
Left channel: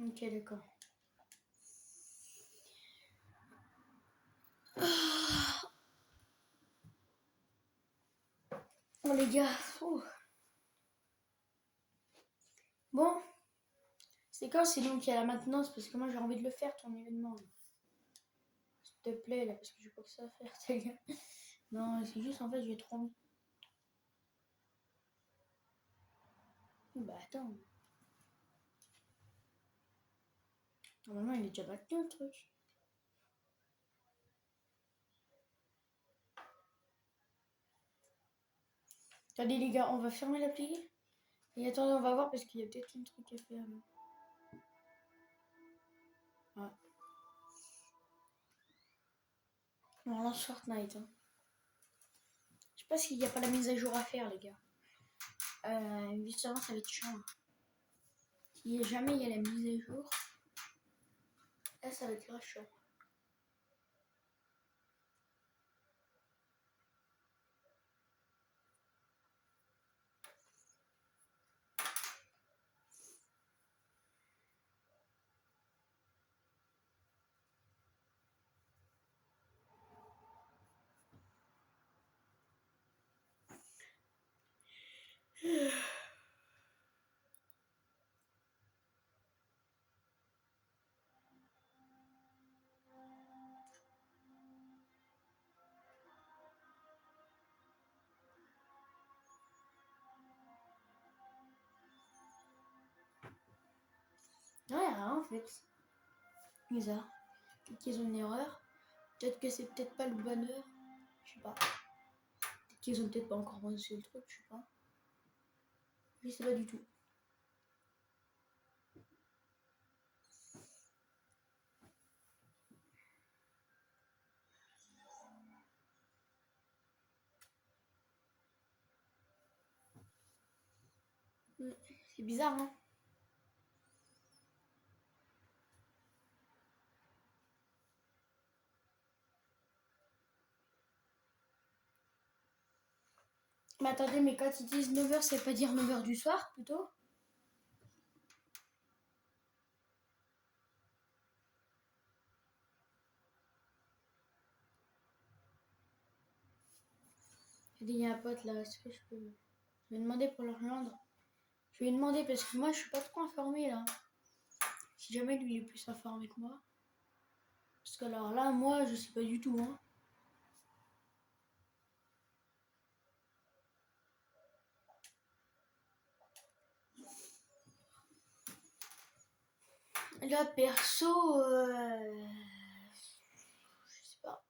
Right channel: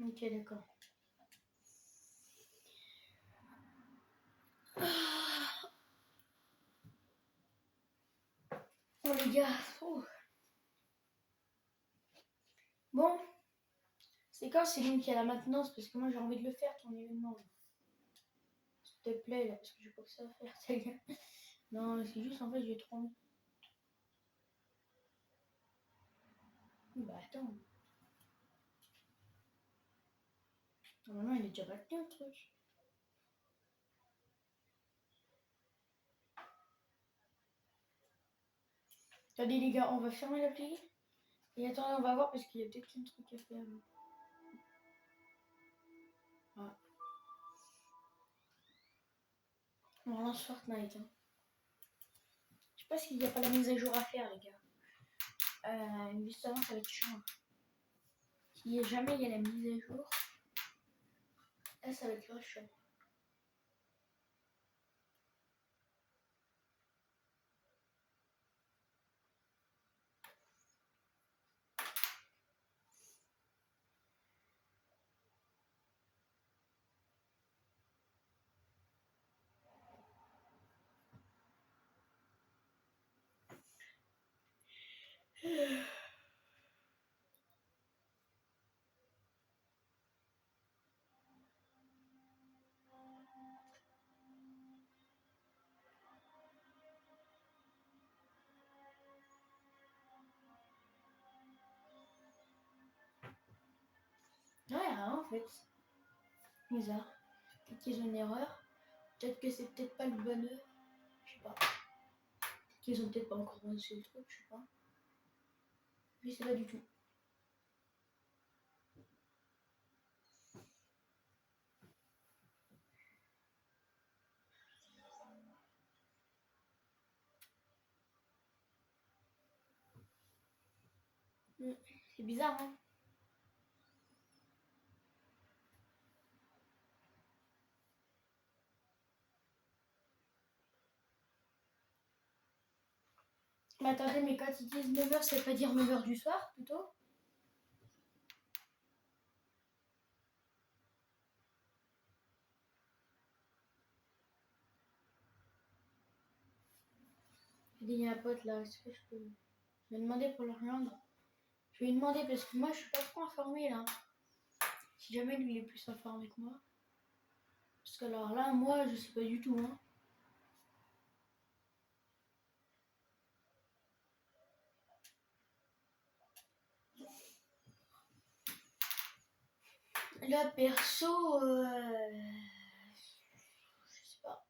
Ok, d'accord. Oh les gars. Oh. Bon. C'est quand c'est lui qui a la maintenance? Parce que moi j'ai envie de le faire ton événement. Là. S'il te plaît là, parce que j'ai pas que ça à faire, les gars. Non, c'est juste en fait j'ai trop envie. Bah attends. Normalement il est déjà maintenu le truc. Attendez les gars, on va fermer l'appli. Et attendez, on va voir parce qu'il y a peut-être un truc à faire. Là. Ah. On lance Fortnite. Hein. Je sais pas s'il n'y a pas la mise à jour à faire les gars. Justement ça va être chiant. Si jamais il y a la mise à jour, là ça va être grave chiant. Ouais, rien en fait. Bizarre. Peut-être qu'ils ont une erreur. Peut-être que c'est peut-être pas le bon heure. Je sais pas. Peut-être qu'ils ont peut-être pas encore lancé le truc, je sais pas. Je sais pas du tout. C'est bizarre, hein. Mais attendez, mais quand ils disent 9h, ça veut pas dire 9h du soir, plutôt? Il y a un pote là, est-ce que je peux lui demander pour le rejoindre? Je vais lui demander parce que moi je suis pas trop informée là. Si jamais lui il est plus informé que moi. Parce que alors là, moi je sais pas du tout. Hein. Là perso, je sais pas.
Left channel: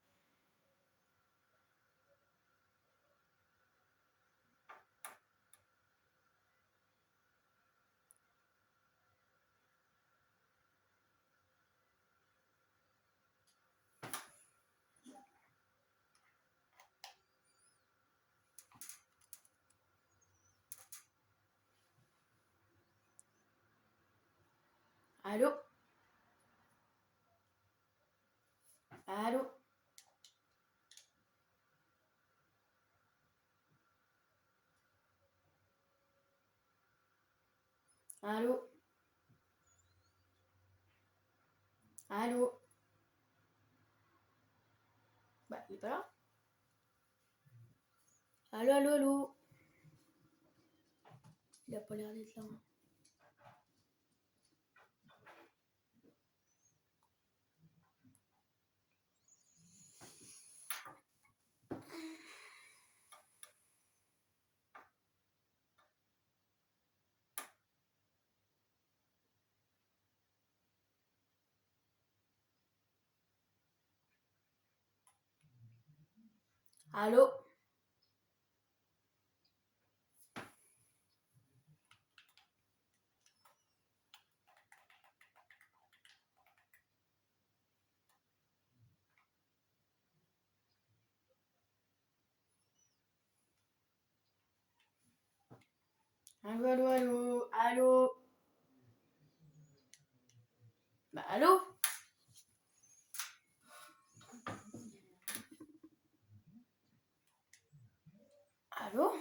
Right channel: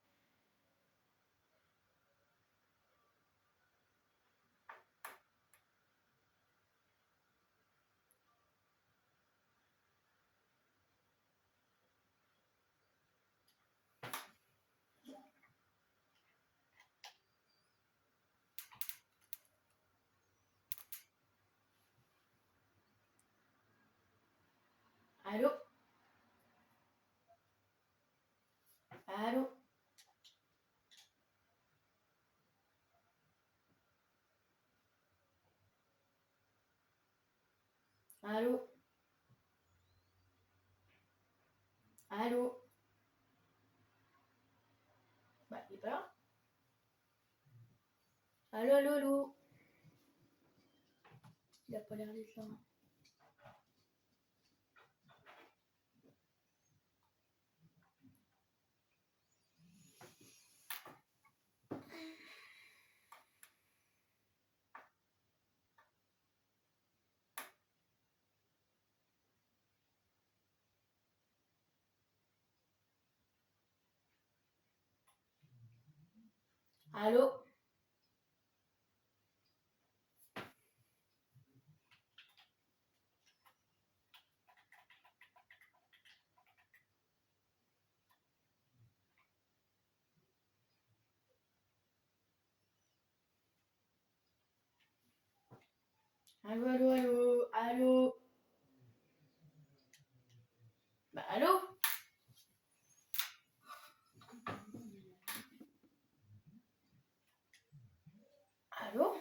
Allô? Allô? Allô? Allô? Bah, il est pas là. Allô, allô, allô? Il a pas l'air d'être là. Allô? Allô, allô, allô? Allô? Bah, allô? Allô?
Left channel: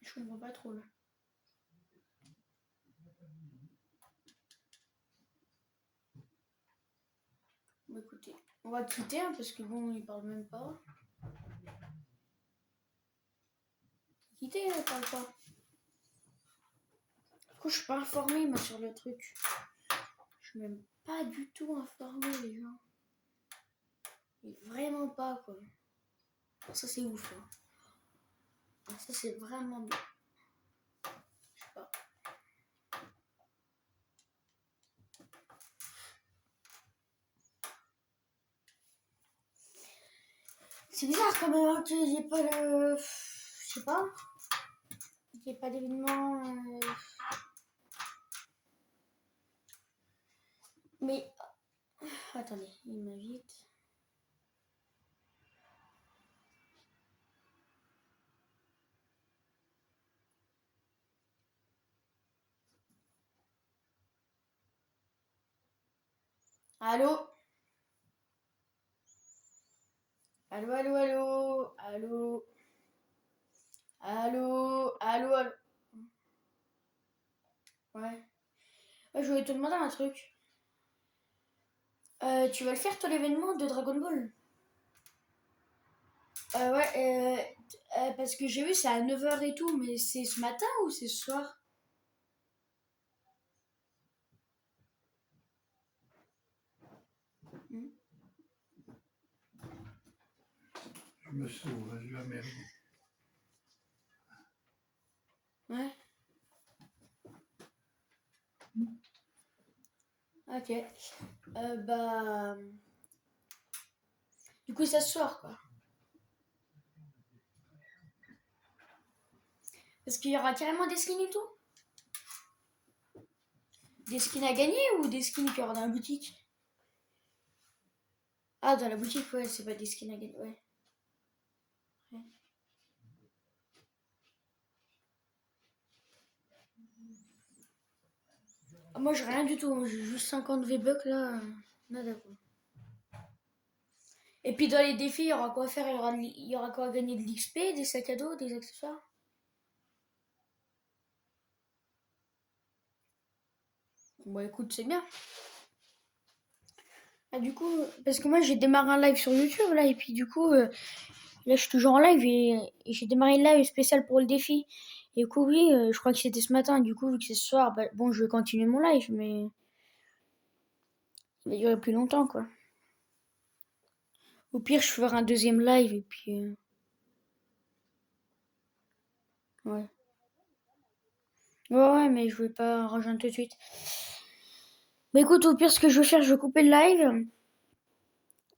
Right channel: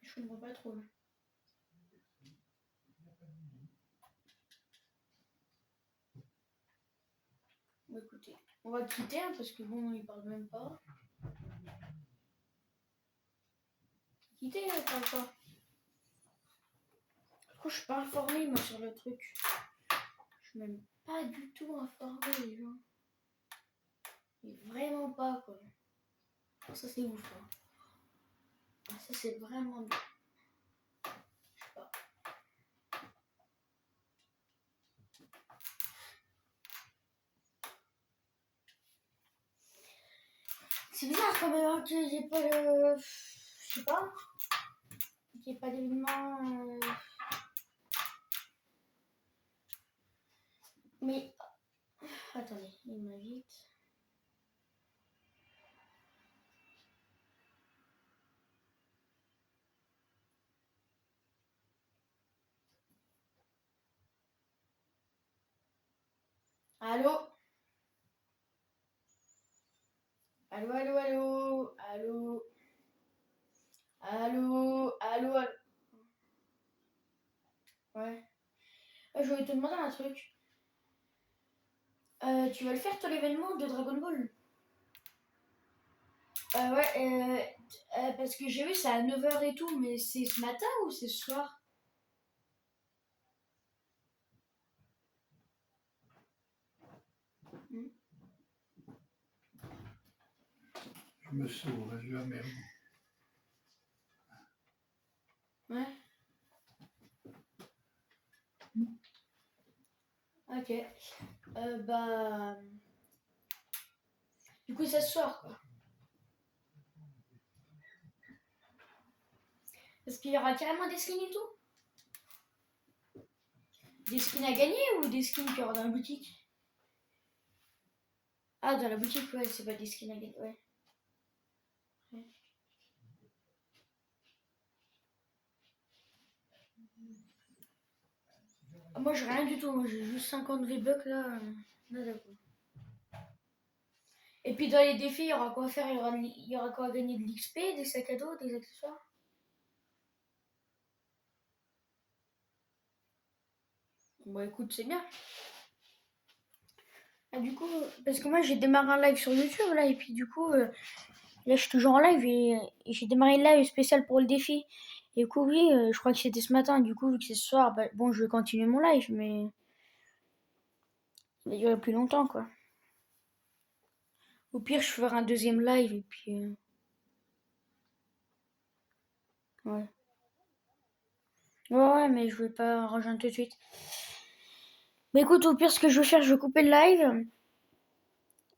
Je comprends pas trop là. Bon, écoutez, on va quitter hein, parce que bon, il parle même pas. Quitter, il parle pas. Du coup, je suis pas informée moi sur le truc. Je suis même pas du tout informée les gens. Mais vraiment pas quoi. Oh, ça c'est ouf. Hein. Ah, ça c'est vraiment bien. Je sais pas. C'est bizarre quand même hein, que j'ai pas le. Je sais pas. J'ai pas d'événement. Mais. Attendez, il m'invite. Allô? Allô, allô, allô? Allô? Allô? Allô? Allô? Ouais. Je voulais te demander un truc. Tu vas le faire toi l'événement de Dragon Ball? Ouais, parce que j'ai vu c'est à 9 h et tout, mais c'est ce matin ou c'est ce soir? Hmm. Je me sauve, je vais merde. Ouais. Ok. Bah. Du coup, c'est ce soir, quoi. Parce qu'il y aura carrément des skins et tout? Des skins à gagner ou des skins qu'il y aura dans la boutique? Ah, dans la boutique, ouais, c'est pas des skins à gagner, ouais. Ouais. Moi, j'ai rien du tout, j'ai juste 50 V-Bucks là. Nada quoi. Et puis dans les défis, il y aura quoi à faire? Il y aura quoi à gagner? De l'XP, des sacs à dos, des accessoires? Bon, écoute, c'est bien. Ah, du coup, parce que moi j'ai démarré un live sur YouTube là, et puis du coup, là je suis toujours en live et j'ai démarré le live spécial pour le défi. Et du coup, oui, je crois que c'était ce matin, du coup, vu que c'est ce soir, bah, bon, je vais continuer mon live, mais il va durer plus longtemps quoi. Au pire, je ferai un deuxième live et puis, ouais. Ouais, ouais, mais je vais pas rejoindre tout de suite. Mais écoute, au pire, ce que je vais faire, je vais couper le live.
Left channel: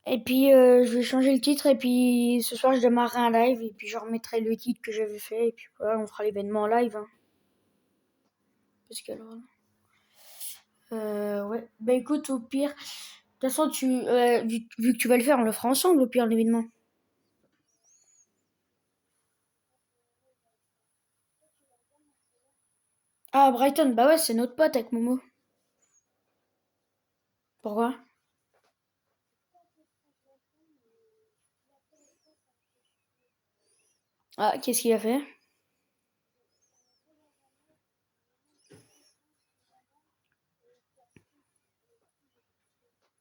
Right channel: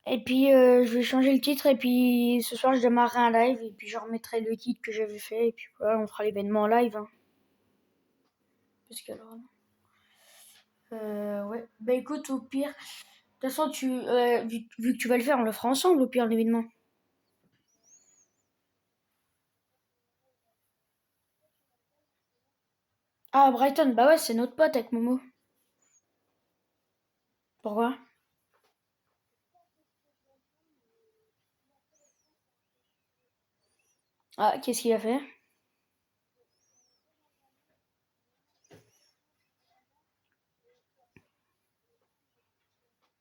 Et puis, je vais changer le titre. Et puis, ce soir, je démarrerai un live. Et puis, je remettrai le titre que j'avais fait. Et puis, voilà, on fera l'événement en live. Hein. Parce que alors. Ouais. Bah, écoute, au pire. De toute façon, vu que tu vas le faire, on le fera ensemble, au pire, l'événement. Ah, Brighton, bah ouais, c'est notre pote avec Momo. Pourquoi? Ah, qu'est-ce qu'il a fait?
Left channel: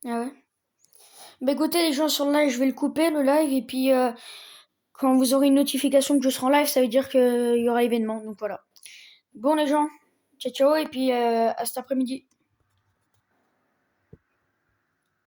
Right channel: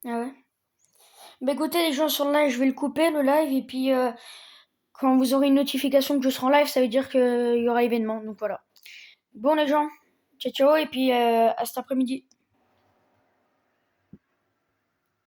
Ah ouais. Bah écoutez les gens sur le live, je vais le couper le live et puis quand vous aurez une notification que je serai en live, ça veut dire qu'il y aura événement. Donc voilà. Bon les gens, ciao ciao et puis à cet après-midi.